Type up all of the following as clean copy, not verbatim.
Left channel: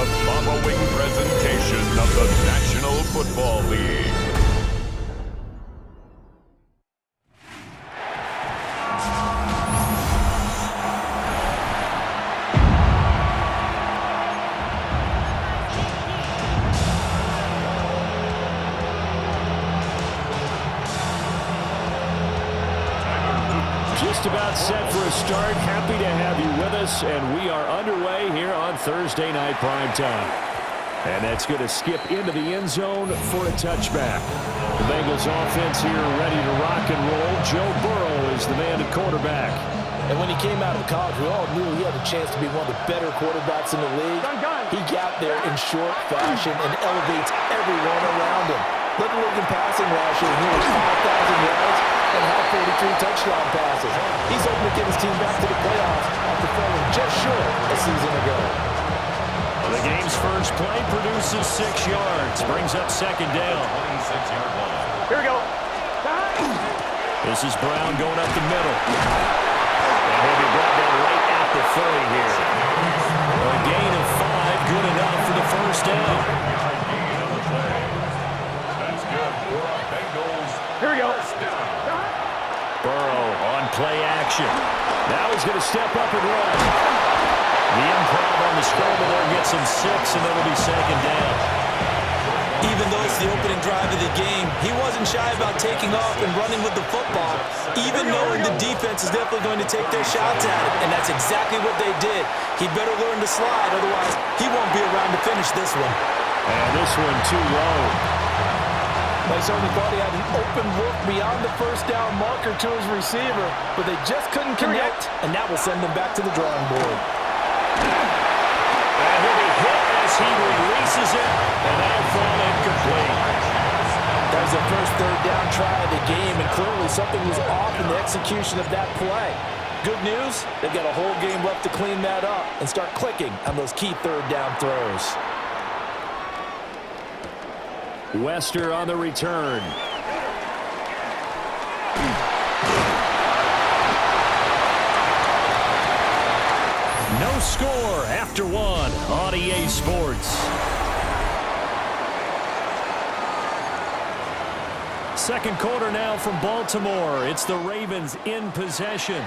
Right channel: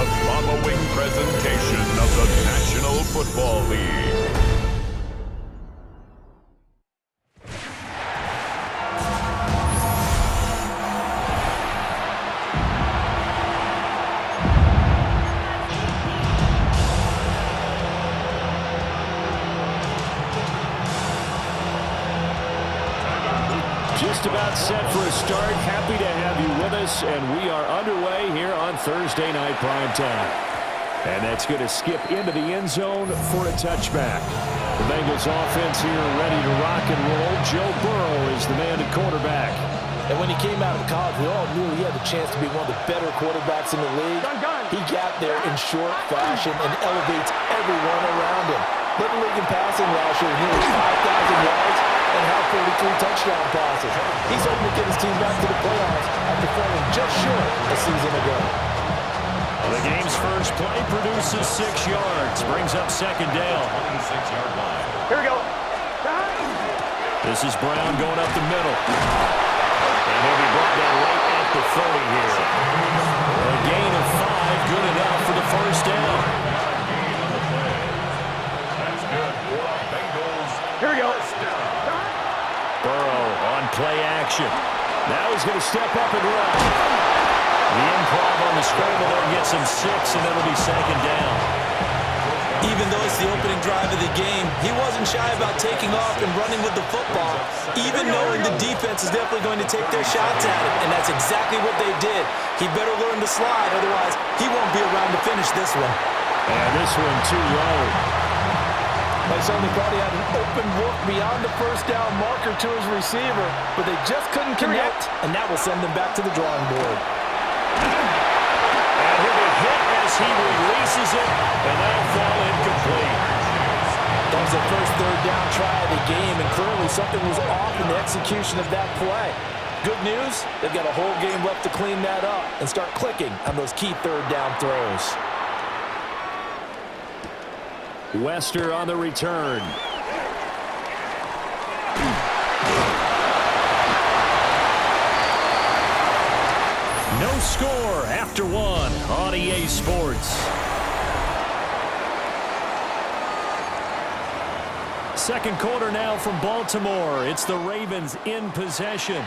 the following presentation of the National Football League. Just about set for a start. Happy to have you with us, and we are underway here on Thursday Night Primetime. And that's going to skip into the end zone for a touchback. The Bengals offense here ready to rock and roll. Joe Burrow is the man at quarterback. And when he came out of college, we all knew he had a chance to be one of the better quarterbacks in the league. He got there in short fashion and elevates everyone around him. Led the league in passing last year with nearly 5,000 yards and had 43 touchdown passes. He's hoping to get his team back to the playoffs after falling just short a season ago. The game's first play produces 6 yards, brings up second down. 26-yard line. Here we go. This is Brown going up the middle. And he'll be brought down right at the 30 here. A gain of 5, good enough for the first down. 5-yard gain on the play. That's good for our Bengals. Here we go. Burrow on play action. Now he's going to step up and run. The improv on the scramble there gets him 6, and that'll be second down. Even though it's the opening drive of the game, he wasn't shy about taking off and running with the football, even knowing the defense is definitely going to take their shots at him, and that's exactly what they did. He better learn to slide, otherwise he won't be around to finish this one. And this one too low. They certainly thought he had an open look beyond the first down marker to his receiver, but they just couldn't connect, and that will send them back to the drawing board. And he'll be hit as he releases it, and that'll fall incomplete. That was the first third down try of the game, and clearly something was off in the execution of that play. Good news, they've got a whole game left to clean that up and start clicking on those key third down throws. Wester on the return. No score after 1 on EA Sports. Second quarter now from Baltimore. It's the Ravens in possession.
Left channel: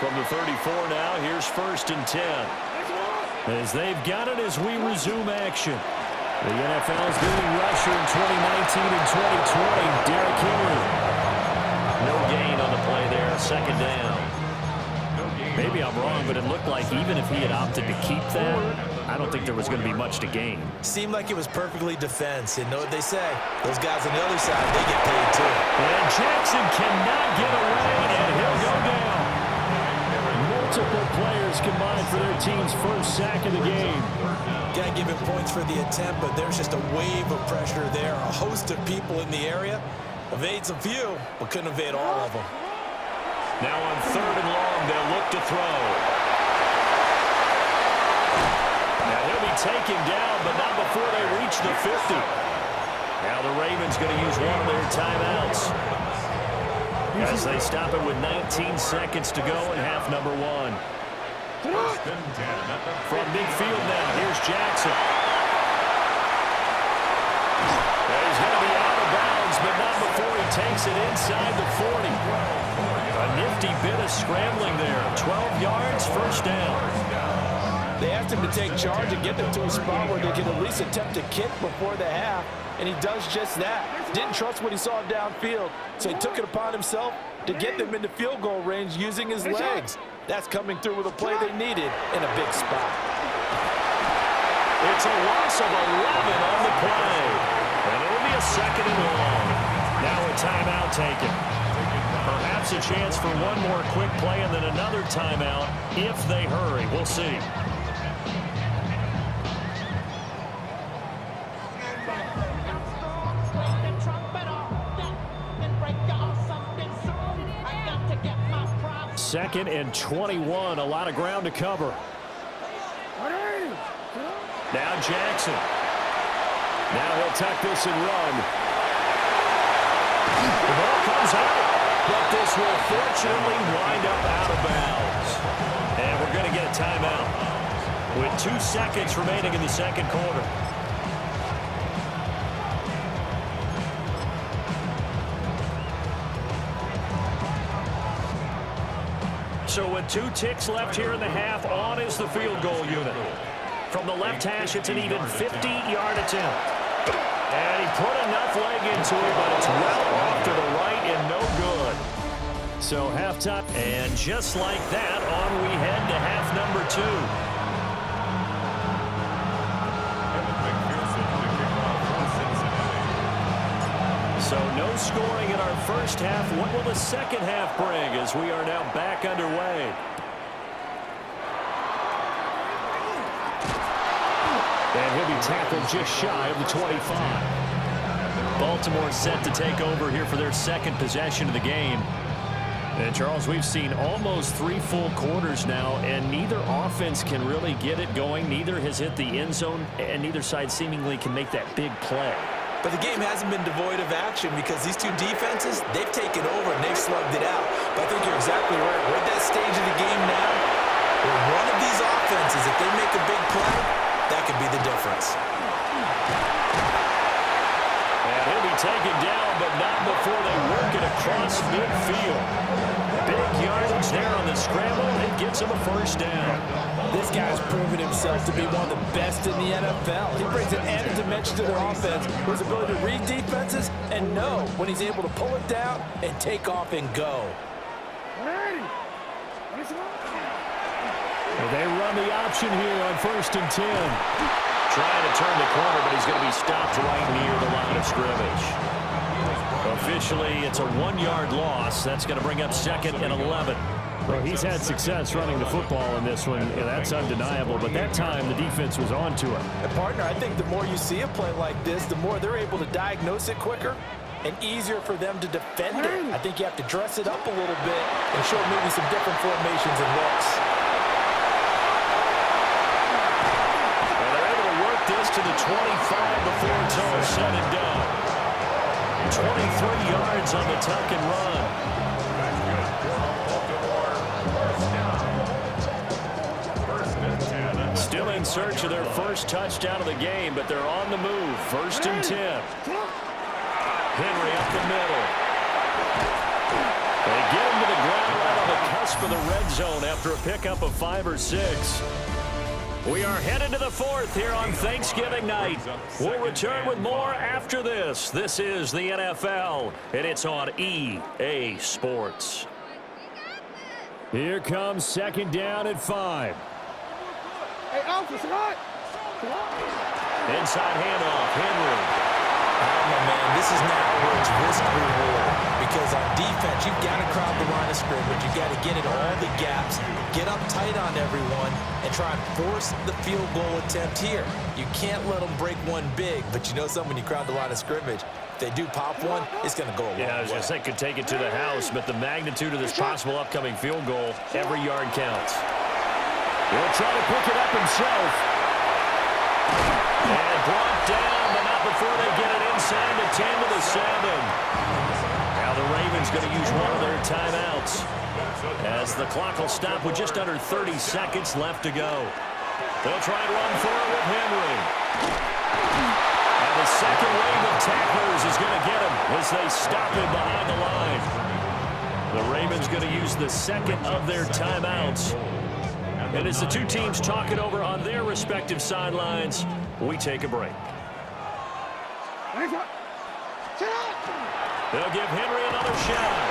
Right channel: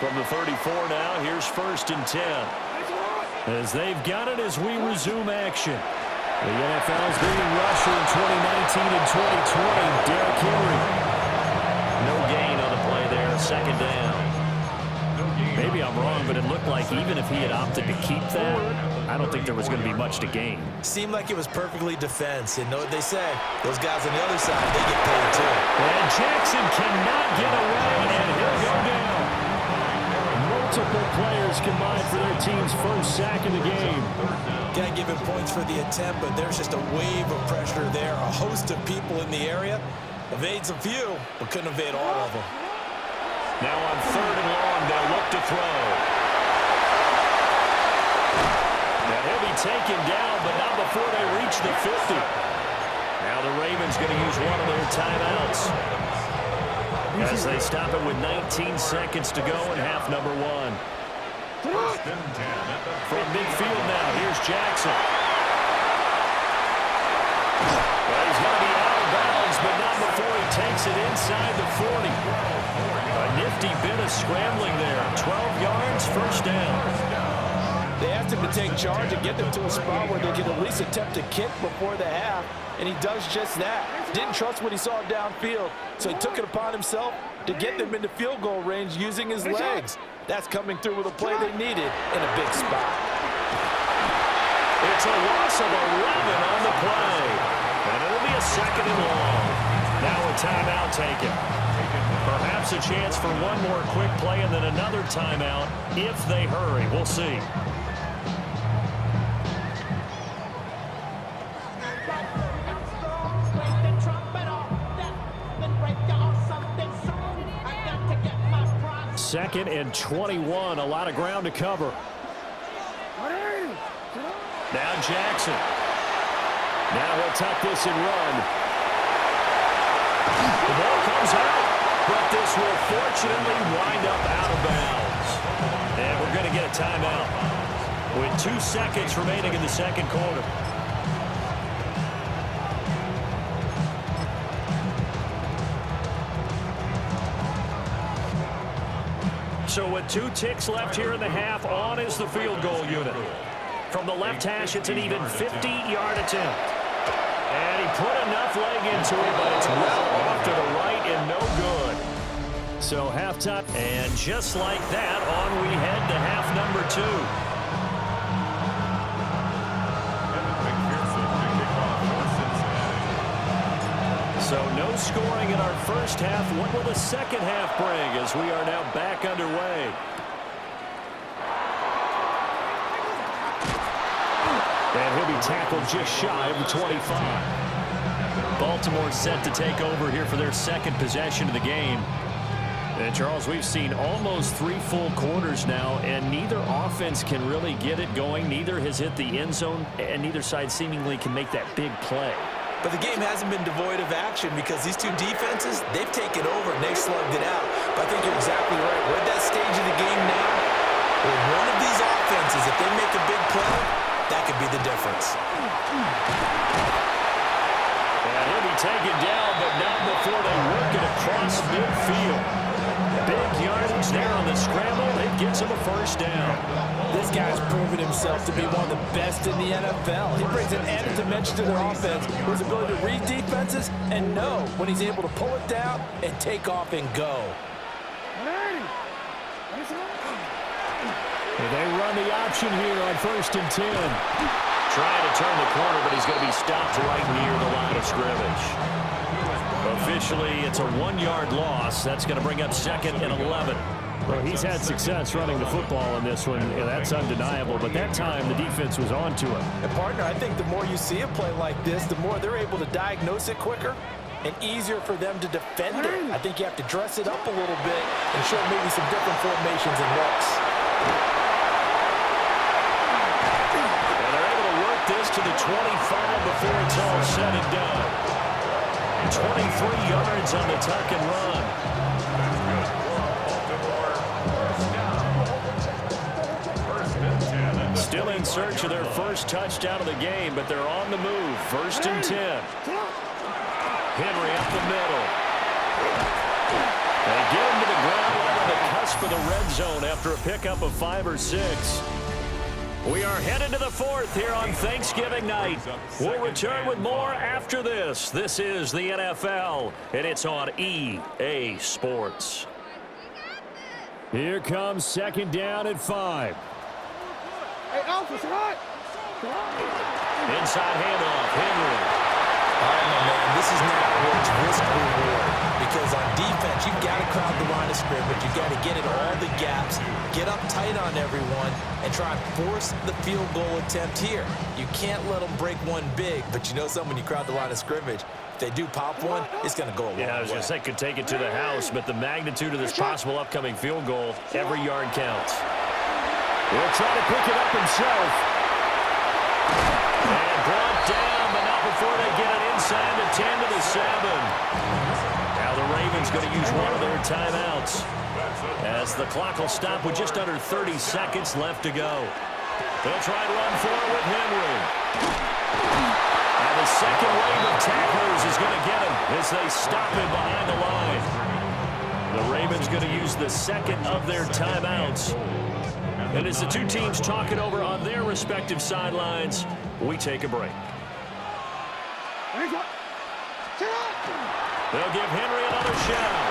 From the 34 now, here's 1st and 10. As they've got it as we resume action. The NFL's leading rusher in 2019 and 2020, Derrick Henry. No gain on the play there, second down. Maybe I'm wrong, but it looked like even if he had opted to keep that, I don't think there was going to be much to gain. Seemed like it was perfectly defense, and know what they say. Those guys on the other side, they get paid too. And Jackson cannot get away, and he'll go down. Multiple players combined for their team's first sack of the game. Can't give him points for the attempt, but there's just a wave of pressure there. A host of people in the area. Evades a few, but couldn't evade all of them. Now on 3rd and long, they'll look to throw. Now he'll be taken down, but not before they reach the 50. Now the Ravens going to use one of their timeouts as they stop it with 19 seconds to go in half number 1. From midfield now, here's Jackson. Well, he's going to be out of bounds, but not before he takes it inside the 40. A nifty bit of scrambling there. 12 yards, first down. They asked him to take charge and get them to a spot where they could at least attempt to kick before the half, and he does just that. Didn't trust what he saw downfield, so he took it upon himself to get them into field goal range using his legs. That's coming through with a play they needed in a big spot. It's a loss of 11 on the play, and it'll be a 2nd and long. Now a timeout taken. Perhaps a chance for one more quick play and then another timeout if they hurry. We'll see. Second and 21, a lot of ground to cover. Now Jackson. Now he'll tuck this and run. The ball comes out, but this will fortunately wind up out of bounds. And we're going to get a timeout. with 2 seconds remaining in the second quarter. So with 2 ticks left here in the half, on is the field goal unit. From the left hash, it's an even 50-yard attempt. And he put enough leg into it, but it's well off to the right and no good. So halftime, and just like that, on we head to half number 2. So no scoring in our first half. What will the second half bring as we are now back underway? And he'll be tackled just shy of the 25. Baltimore set to take over here for their second possession of the game. And Charles, we've seen almost 3 full quarters now, and neither offense can really get it going. Neither has hit the end zone, and neither side seemingly can make that big play. But the game hasn't been devoid of action because these two defenses, they've taken over and they've slugged it out. But I think you're exactly right. We're at that stage of the game now where one of these offenses, if they make a big play, that could be the difference. And he'll be taken down, but not before they work it across midfield. Big yardage there on the scramble. It gets him a first down. This guy's proven himself to be one of the best in the NFL. He brings an added dimension to their offense, his ability to read defenses and know when he's able to pull it down and take off and go. They run the option here on 1st and 10. Trying to turn the corner, but he's going to be stopped right near the line of scrimmage. Officially, it's a 1-yard loss. That's going to bring up 2nd and 11. Well, he's had success running the football in this one, and that's undeniable. But that time, the defense was on to him. And, partner, I think the more you see a play like this, the more they're able to diagnose it quicker and easier for them to defend it. I think you have to dress it up a little bit and show maybe some different formations and looks. And they're able to work this to the 25 before it's all said and done. 23 yards on the tuck and run. That's good. First and 10. Still in search of their first touchdown of the game, but they're on the move. 1st and 10. Henry up the middle. They get him to the ground right on the cusp of the red zone after a pickup of 5 or 6. We are headed to the 4th here on Thanksgiving night. We'll return with more after this. This is the NFL, and it's on EA Sports. Here comes 2nd down at 5. Hey, Alpha, hot. Inside handoff, Henry. All right, my man, this is now where it's risk-reward. Because on defense, you've got to crowd the line of scrimmage. You've got to get in all the gaps, get up tight on everyone, and try and force the field goal attempt here. You can't let them break one big, but you know something, when you crowd the line of scrimmage, if they do pop one, it's going to go a long way. Yeah, I was going to say, could take it to the house, but the magnitude of this possible upcoming field goal, every yard counts. He'll try to pick it up himself. And brought down, but not before they get it inside the 10 to the 7. Now the Ravens going to use one of their timeouts as the clock will stop with just under 30 seconds left to go. They'll try and run for it with Henry. And the second wave of tacklers is going to get him as they stop him behind the line. The Ravens going to use the second of their timeouts. And as the two teams talk it over on their respective sidelines, we take a break. They'll give Henry another shot.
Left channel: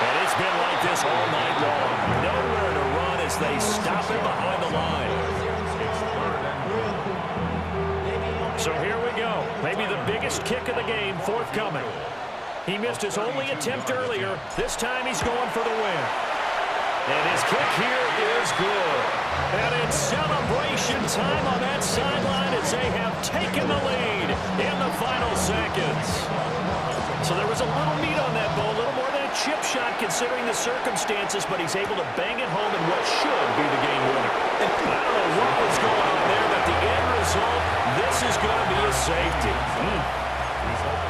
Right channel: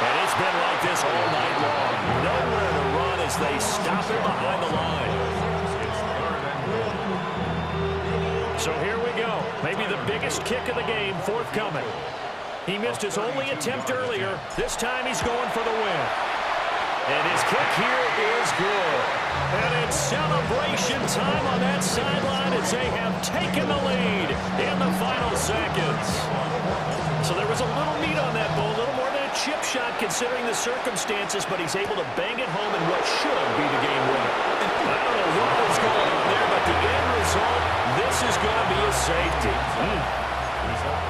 And it's been like this all night long. Nowhere to run as they stop him behind the line. So here we go. Maybe the biggest kick of the game forthcoming. He missed his only attempt earlier. This time he's going for the win. And his kick here is good. And it's celebration time on that sideline as they have taken the lead in the final seconds. So there was a little meat on that ball, a little more than a chip shot considering the circumstances, but he's able to bang it home in what should be the game winner. And I don't know what was going on there, but the end result, this is going to be a safety.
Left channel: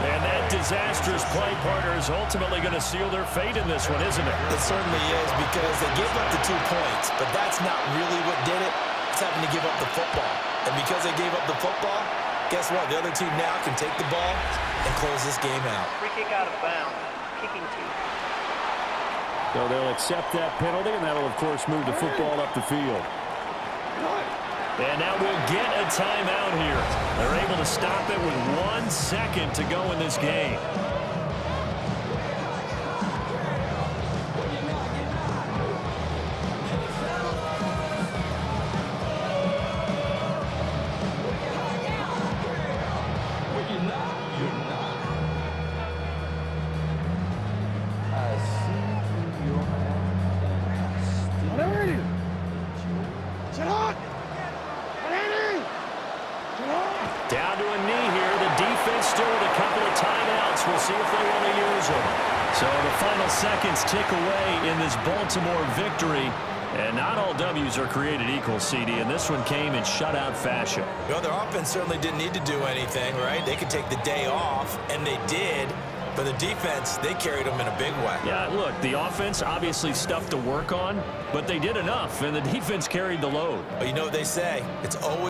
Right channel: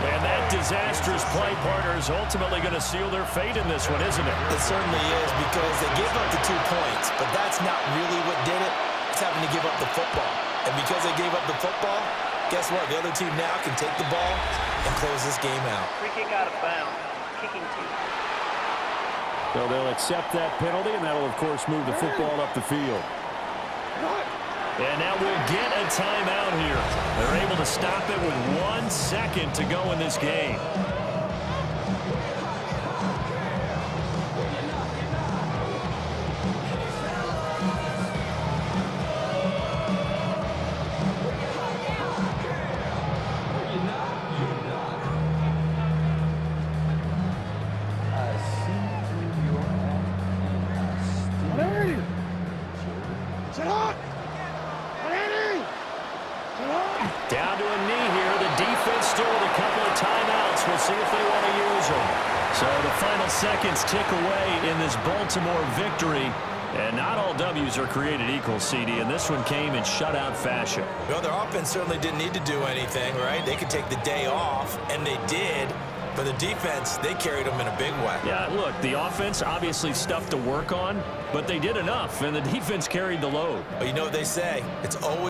And that disastrous play, partner, is ultimately going to seal their fate in this one, isn't it? It certainly is, because they gave up the 2 points, but that's not really what did it. It's having to give up the football. And because they gave up the football, guess what? The other team now can take the ball and close this game out. Free kick out of bounds. Kicking team. So they'll accept that penalty, and that'll, of course, move the football up the field. And now we'll get a timeout here. They're able to stop it with 1 second to go in this game. Down to a knee here. The defense still with a couple of timeouts. We'll see if they want to use them. So the final seconds tick away in this Baltimore victory. And not all W's are created equal, CD, and this one came in shutout fashion. Well, their offense certainly didn't need to do anything, right? They could take the day off, and they did. But the defense, they carried them in a big way. Yeah, look, the offense, obviously stuff to work on, but they did enough, and the defense carried the load. But you know what they say? It's always